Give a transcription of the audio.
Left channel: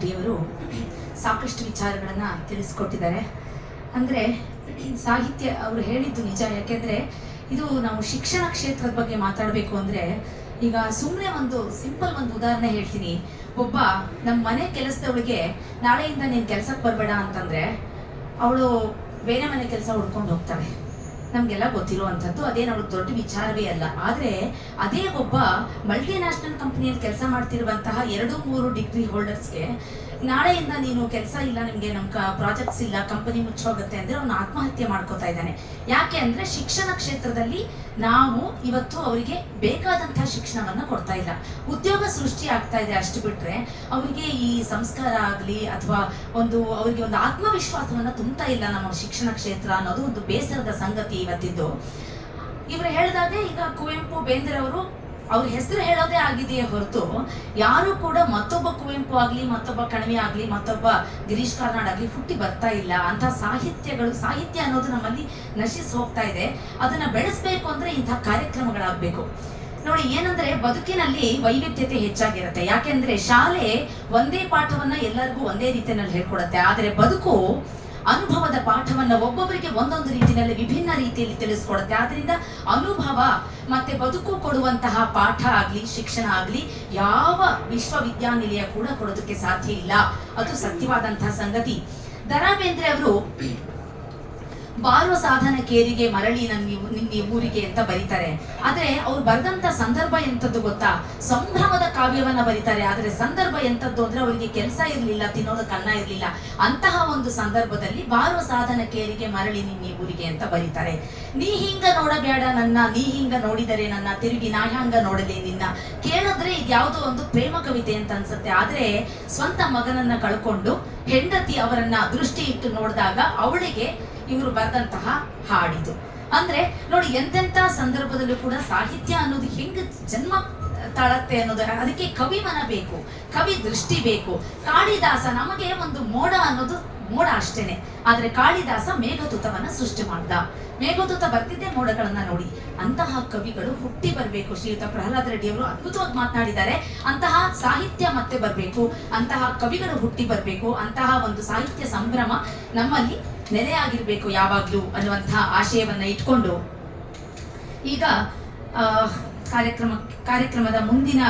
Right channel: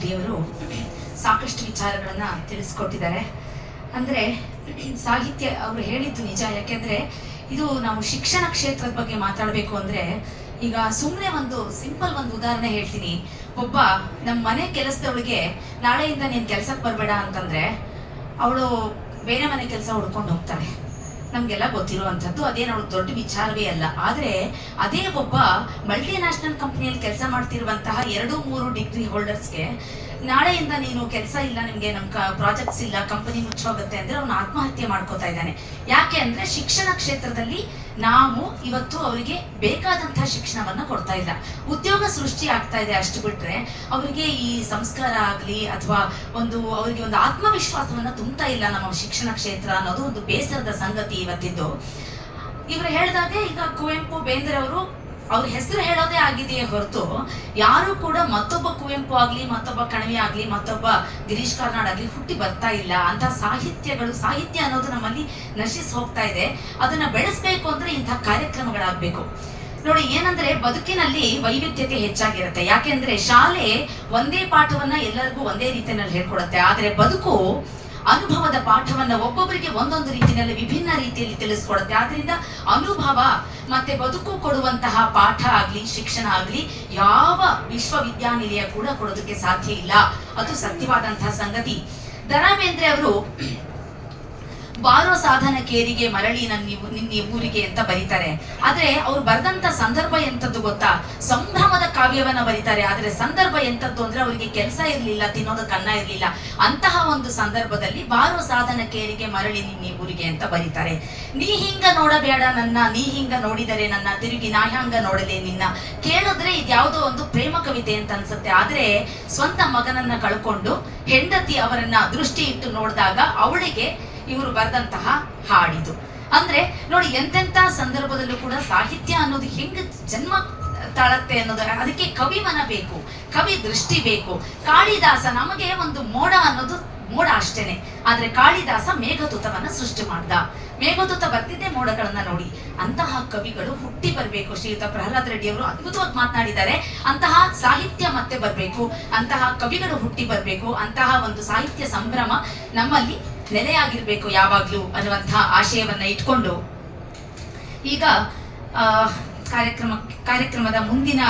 ರೆಡ್ಡಿಯವರು ಸಾಕಷ್ಟು ವಿಚಾರಗಳನ್ನು ತಿಳಿಸ್ಕೊಟ್ಟಿದ್ದಾರೆ. ಅಂದ್ರೆ, ಸಾಹಿತ್ಯ ಅವರು ಹೇಳಿದ್ದು ನಿಜ, ಯಾಕೆಂದ್ರೆ ಇದು ನಾವು ಶಿಕ್ಷಣ ಕ್ಷೇತ್ರದ ಬಗ್ಗೆ ಮಾತಾಡಬೇಕು ಅಂದ್ರೆ, ಈಗ ಸುಮ್ಮನೆ ಒಂದು ಸಿಂಪಲ್ ಒಂದು ಉದಾಹರಣೆ ಹೇಳ್ತೀನಿ. ಒಬ್ಬ ನಮ್ಮ ಮನೆ ಕೆಲಸದವಳಿಗೆ, ನಾಳೆಯಿಂದ ನೀನು ಕೆಲಸಕ್ಕೆ ಬರಬೇಡ ಅಂತಂದ್ರೆ, ಅವಳು ಬೇರೆ ಮನೆ ಕೆಲಸ ಹುಡ್ಕೊಂಡು ಹೋಗ್ತಾಳೆ. ನಮಗೆಲ್ಲ ಗೊತ್ತಿರುವಂಥದ್ದು. ಅದೇನು ಅವಳು ದೊಡ್ಡ ವಿಚಾರವೇ ಅಲ್ಲ. ಆದರೆ ಅದೇ ಒಬ್ಬ ಮಲ್ಟಿ ನ್ಯಾಷನಲ್ ಕಂಪ್ನಿಯಲ್ಲಿ ಕೆಲಸ ಮಾಡ್ತಿರುವಂತಹ ಎರಡು, ಮೂರು ಡಿಗ್ರಿ ಹೋಲ್ಡರ್ಸ್ಗೆ ನಾಳೆಯಿಂದ ನೀನು ಕೆಲಸ ಇಲ್ಲ, ನಿಮಗೆ ನಮ್ಮ ಪ್ರಾಜೆಕ್ಟ್ಸ್ ಇಲ್ಲ ಕಂಪನಿ ಮುಚ್ಚೋಗುತ್ತೆ ಅಂದ್ರೆ ಅವನು ಆತ್ಮಹತ್ಯೆ ಮಾಡ್ಕೋತಾ ಇದ್ದಾನೆ. ಯಾಕೆ ಅಂದ್ರೆ ಶಿಕ್ಷಣ ಕ್ಷೇತ್ರದಲ್ಲಿ ನಾವು ಇವತ್ತು ಅವರಿಗೆ ಬೇಕಾದಂತಹ ಶಿಕ್ಷಣವನ್ನ ಕೊಡ್ತಾ ಇಲ್ಲ. ಉದ್ಯೋಗ ಸೃಷ್ಟಿ ಆಗ್ತಾ ಇದೆ ಅಷ್ಟು ಬಿಟ್ರೆ ಅವರಿಗೆ ಈ ಸಂಸ್ಕಾರ ಆಗಲಿ ಅಥವಾ ಒಂದು ಅವರಿಗೆ ಒಂದು ಆತ್ಮವಿಶ್ವಾಸವನ್ನ ತುಂಬ್ತಾ ಇಲ್ಲ ನಮ್ಮ ಶಿಕ್ಷಣ ಕ್ಷೇತ್ರ ಅನ್ನೋದು ಒಂದು ಬೇಸರದ ಸಂಗತಿ. ಇವತ್ತಿದ್ದು. ಇವರು ಹೇಳ್ದಾಗೆ ಈಗ ಕುವೆಂಪು ಬೇಂದ್ರೆ ಅವರು ಅವ್ರ ಹೆಸರು ಹೇಳೋದೇ ಆಗಿದೆಯೇ ಹೊರತು, ಯಾರು ಕೂಡ ಮತ್ತೊಬ್ಬ ಕುವೆಂಪು ಆಗ್ಲಿ, ಮತ್ತೊಬ್ಬ ಕಣವಿ ಆಗ್ಲಿ, ಮತ್ತೊಬ್ಬ ಗಿರೀಶ್ ಕಾರ್ನಾಡ್ ಆಗ್ಲಿ ಹುಟ್ಟಿ ಬರ್ತಾ ಇಲ್ಲ. ಅಂತ ಸಾಹಿತ್ಯಗಳು, ಸಾಹಿತ್ಯ ಅನ್ನೋದು ನಮ್ಮಲ್ಲಿ ನಶಿಸಿ ಹೋಗ್ತಾ ಇದೆ. ಅದನ್ನ ಬೆಳೆಸ್ಬೇಕು ಅಂದ್ರೆ ಇಂತಹ ಕಾರ್ಯಕ್ರಮಗಳಾಗಬೇಕು. ನೋಡಿ, ಏನಂದ್ರೆ ಬದುಕಿನಲ್ಲಿ ವೈವಿಧ್ಯತೆ ಹೆಚ್ಚಾಗಿರುತ್ತೆ. ಯಾಕೆಂದ್ರೆ ಶಾಲೆ ಒಂದೇ ಪಾಠವನ್ನ ಎಲ್ಲರಿಗೂ ಒಂದೇ ರೀತಿಯಲ್ಲಿ ಹೇಳ್ಕೊಡುತ್ತೆ. ಆದ್ರೆ ಬದುಕು ಅನುಭವದ ಪಾಠವನ್ನ ಒಬ್ಬೊಬ್ಬರಿಗೆ ಒಂದೊಂದು ರೀತಿಯಲ್ಲಿ ವಿಭಿನ್ನ ರೀತಿಯಲ್ಲಿ ತಿಳಿಸ್ಕೊಡುತ್ತೆ. ಆದ್ರಿಂದ ಅನುಭವ ಮತ್ತೆ ಬದುಕು ಕೊಡುವಂತಹ ಪಾಠ ಆಗ್ಲಿ, ಶಿಕ್ಷಣ ಆಗ್ಲಿ, ಯಾವ ವಿಶ್ವವಿದ್ಯಾನಿಲಯ ಕೂಡ ಕೊಡೋದಕ್ಕೆ ಸಾಧ್ಯ ಇಲ್ಲ. ಅದು ಸತ್ಯವಾದಂತಹ ಸಂಗತಿ. ದರಾ ಬೇಂದ್ರೆ ಅವರು ಬಾರೋ ಸಾಧನ ಕೇರಿಗೆ ಮರಳಿ ನನ್ನ, ನಿನ್ನ ಊರಿಗೆ ಅಂತ ಬರೀತಾರೆ. ಆದ್ರೆ ಅವ್ರು ಬರೆದಂತ ಸಂದರ್ಭ ಎಂತದ್ದು ಗೊತ್ತಾ? ಸಂಭ್ರಮದ ಕಾವ್ಯವನ್ನ ಬರೀತಾರೆ. ಆದ್ರೆ ಸಂದರ್ಭ ಎಂತದ್ದು ಅಂದ್ರೆ ಅವರಿಗೆ ಕೆಲಸ ಇರ್ಲಿಲ್ಲ ತಿನ್ನೋದಕ್ಕೆ ಅನ್ನ ಇರ್ಲಿಲ್ಲ. ಅಂತಹ ಒಂದು ಸಂದರ್ಭದಲ್ಲಿ ಬಾರೋ ಸಾಧನ ಕೇರಿಗೆ ಮರಳಿ ನಿನ್ನ ಊರಿಗೆ ಅಂತ ಬರೀತಾರೆ. ನೀ ಹಿಂಗ ನೋಡಬೇಡ ನನ್ನ, ನೀ ಹಿಂಗ ನೋಡಿದರೆ ನನ್ನ, ತಿರುಗಿ ನಾ ಹ್ಯಾಂಗ ನೋಡಲೆ ನಿನ್ನ. ಕೇಳಿದ್ರೆ ಇದ್ಯಾವುದೋ ಒಂದು ಪ್ರೇಮ ಕವಿತೆ ಅಂತ ಅನ್ಸುತ್ತೆ. ಆದ್ರೆ ಸ್ವಂತ ಮಗನನ್ನ ಕಳ್ಕೊಂಡು ಹೆಂಡತಿ ಅವರನ್ನ ದೃಷ್ಟಿ ಇಟ್ಟು ನೋಡಿದಾಗ ಅವಳಿಗೆ ಇವರು ಬರೆದಂತಹ ಹಾಡಿದು. ಅಂದ್ರೆ ನೋಡಿ ಎಂತೆಂತ ಸಂದರ್ಭದಲ್ಲೂ ಕೂಡ ಸಾಹಿತ್ಯ ಅನ್ನೋದು ಹೆಂಗ್ ಜನ್ಮ ತಾಳತ್ತೆ ಅನ್ನೋದು. ಅದಕ್ಕೆ ಕವಿಮನ ಬೇಕು, ಕವಿ ದೃಷ್ಟಿ ಬೇಕು. ಕಾಳಿದಾಸ ನಮಗೆ ಒಂದು ಮೋಡ ಅನ್ನೋದು ಮೋಡ ಅಷ್ಟೇನೆ. ಆದ್ರೆ ಕಾಳಿದಾಸ ಮೇಘದೂತವನ್ನ ಸೃಷ್ಟಿ ಮಾಡ್ದ. ಮೇಘದೂತ ಬರ್ತಿದ್ದೆ ಮೋಡಗಳನ್ನ ನೋಡಿ. ಅಂತಹ ಕವಿಗಳು ಹುಟ್ಟಿ ಬರಬೇಕು. ಶ್ರೀಯುತ ಪ್ರಹ್ಲಾದ್ ರೆಡ್ಡಿ ಅವರು ಅದ್ಭುತವಾಗಿ ಮಾತನಾಡಿದ್ದಾರೆ. ಅಂತಹ ಸಾಹಿತ್ಯ ಮತ್ತೆ ಬರ್ಬೇಕು. ಅಂತಹ ಕವಿಗಳು ಹುಟ್ಟಿ ಬರ್ಬೇಕು. ಅಂತಹ ಒಂದು ಸಾಹಿತ್ಯ ಸಂಭ್ರಮ ನಮ್ಮಲ್ಲಿ ನೆಲೆಯಾಗಿರ್ಬೇಕು ಯಾವಾಗ್ಲೂ ಅನ್ನುವಂತಹ ಆಶಯವನ್ನ ಇಟ್ಕೊಂಡು. ಈಗ ಕಾರ್ಯಕ್ರಮ ಕಾರ್ಯಕ್ರಮದ ಮುಂದಿನ